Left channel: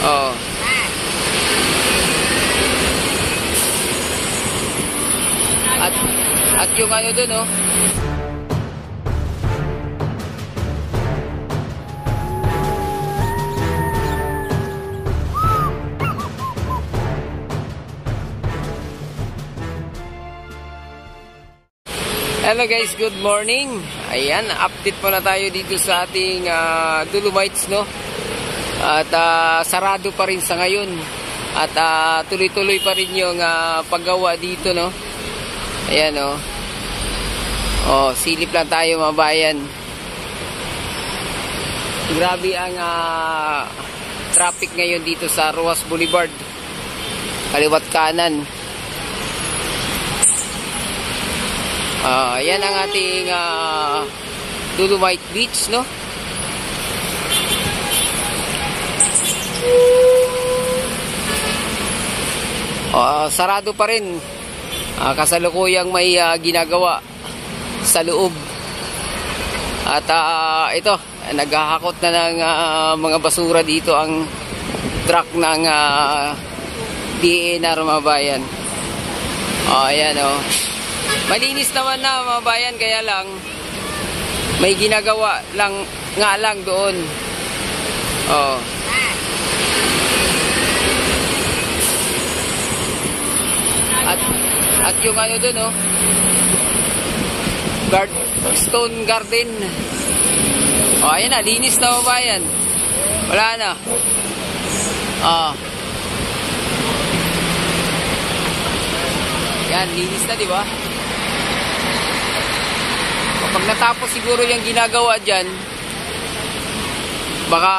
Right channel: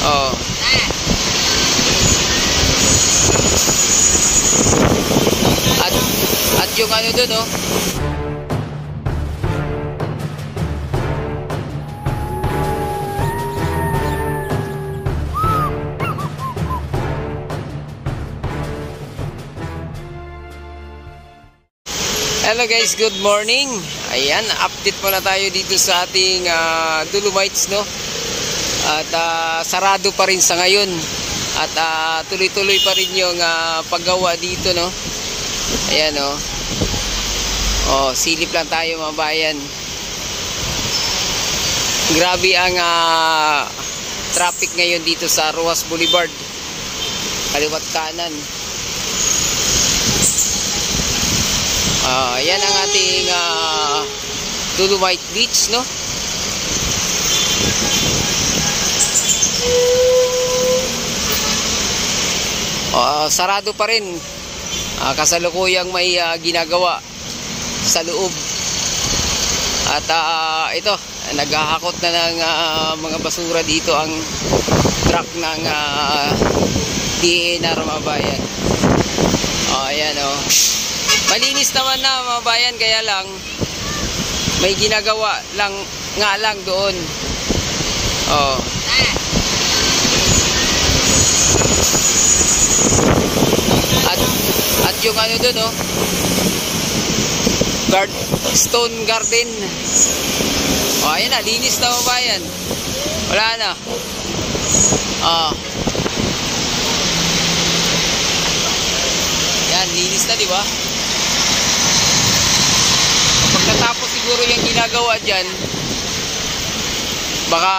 Oh. At yung ano dun, oh. Hello guys, good morning. Ayan, update muna tayo dito sa ating Dolomites, no? At sarado pa rin sa ngayon. At tuloy-tuloy pa rin yung paggawa dito, no? Ayan, oh. Oh, silip lang tayo mga bayan. Grabe ang traffic ngayon dito sa Roxas Boulevard. Kaliwat kanan. Yan ang ating Dolomite Beach, no? Sarado pa rin. Kasalukuyang may ginagawa sa loob. At ito, naghahakot na ng mga basura dito ang truck ng DENR mga bayan. Ayan, oh. Malinis naman na mga bayan, kaya lang may ginagawa lang nga lang doon. At yung ano doon, oh, Stone Garden. Ayan na, linis na mga bayan. Wala na. Yan, linis na, di ba? Pag natapos siguro yung ginagawa dyan, baka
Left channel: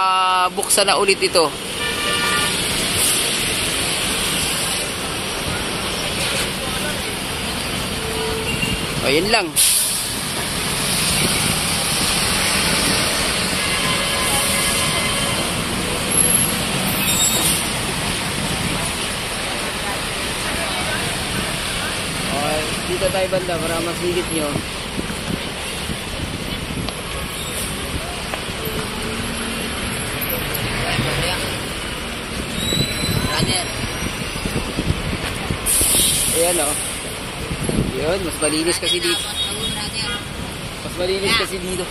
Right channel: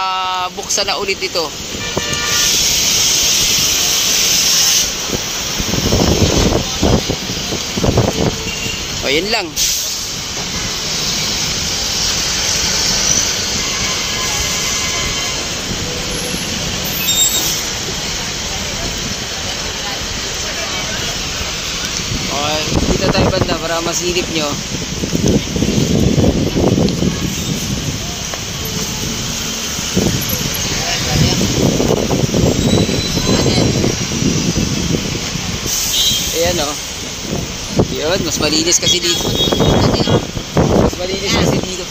buksan na ulit ito. Yan lang. Dito tayo banda para masilip nyo. Ayan, oh. Yun, mas malinis kasi dito. Mas malinis kasi dito.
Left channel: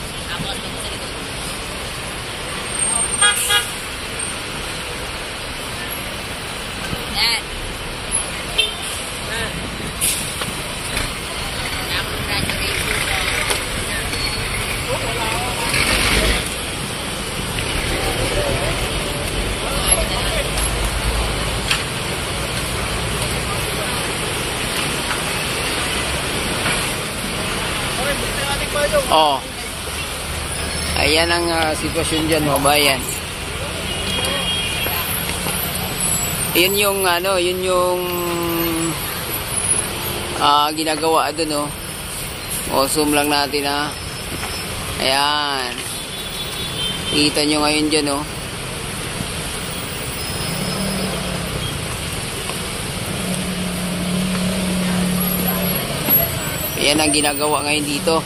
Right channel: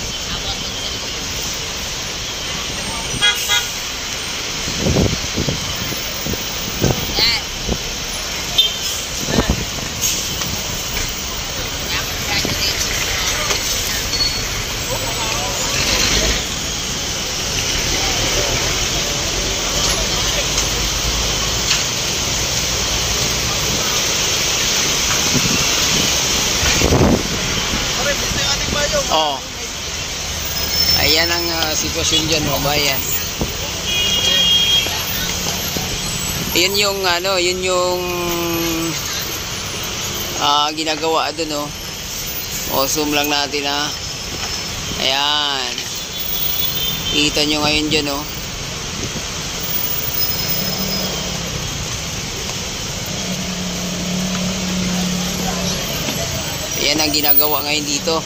Ayan ang sitwasyon dyan mga bayan. Yun yung ano, yun yung ginagawa doon, oh. Zoom lang natin, ha. Ayan. Kita nyo ngayon dyan, oh. Ayan ang ginagawa ngayon dito.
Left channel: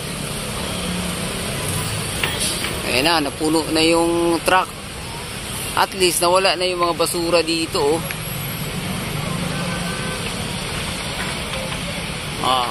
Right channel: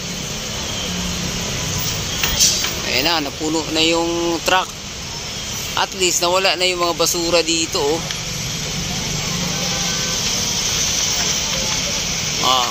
Ayan na, napuno na yung truck. At least nawala na yung mga basura dito, oh.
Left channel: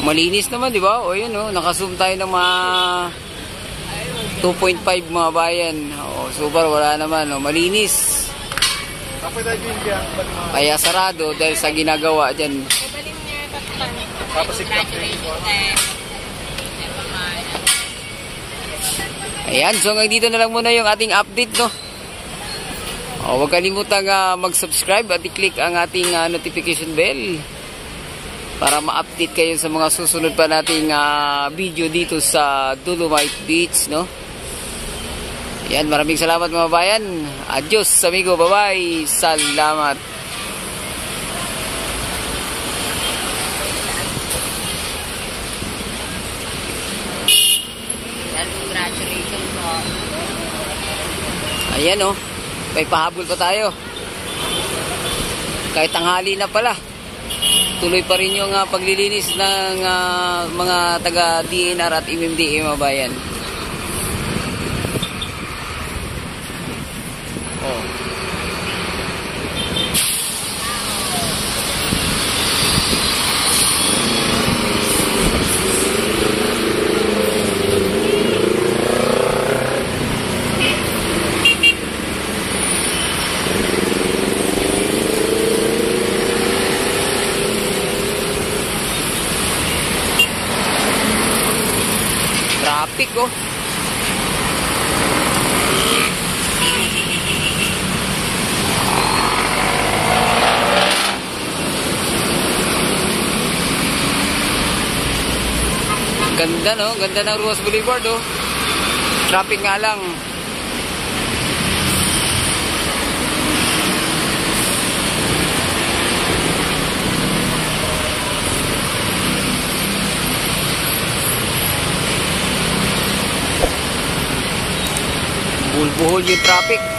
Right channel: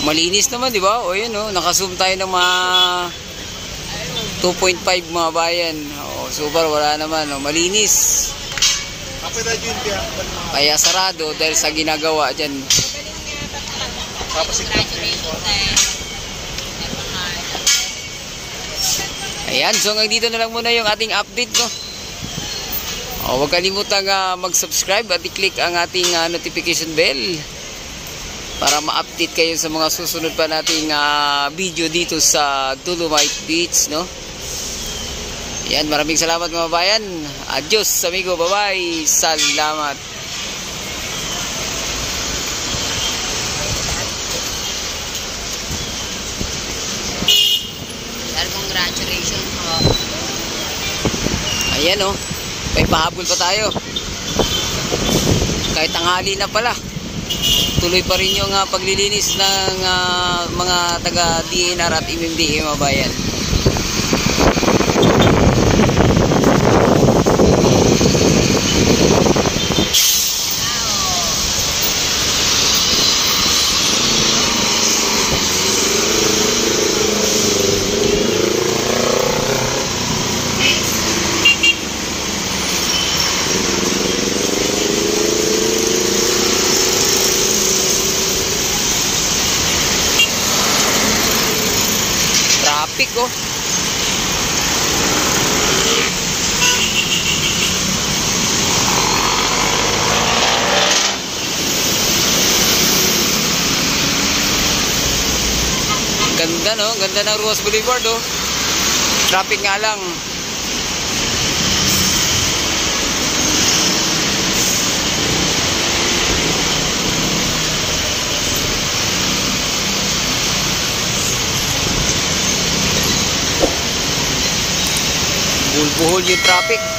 Malinis naman, di ba? O yun, oh, naka-zoom tayo ng mga 2.5 mga bayan. Super, wala naman, oh, malinis. Kaya sarado dahil sa ginagawa dyan. Ayan, so hanggang dito na lang muna yung ating update, no? Huwag kalimutang mag-subscribe at i-click ang ating notification bell para ma-update kayo sa mga susunod pa nating video dito sa Dolomite Beach, no? Yan, maraming salamat mga bayan. Adios amigo, bye-bye. Salamat. Ayan oh. May pahabol pa tayo. Kahit tanghali na pala. Tuloy pa rin yung paglilinis ng mga taga DNR at MMDA mga bayan. Traffic oh. Ganda no, ganda ng Ruas Boulevard oh. Traffic nga lang. Buhol-buhol yung traffic.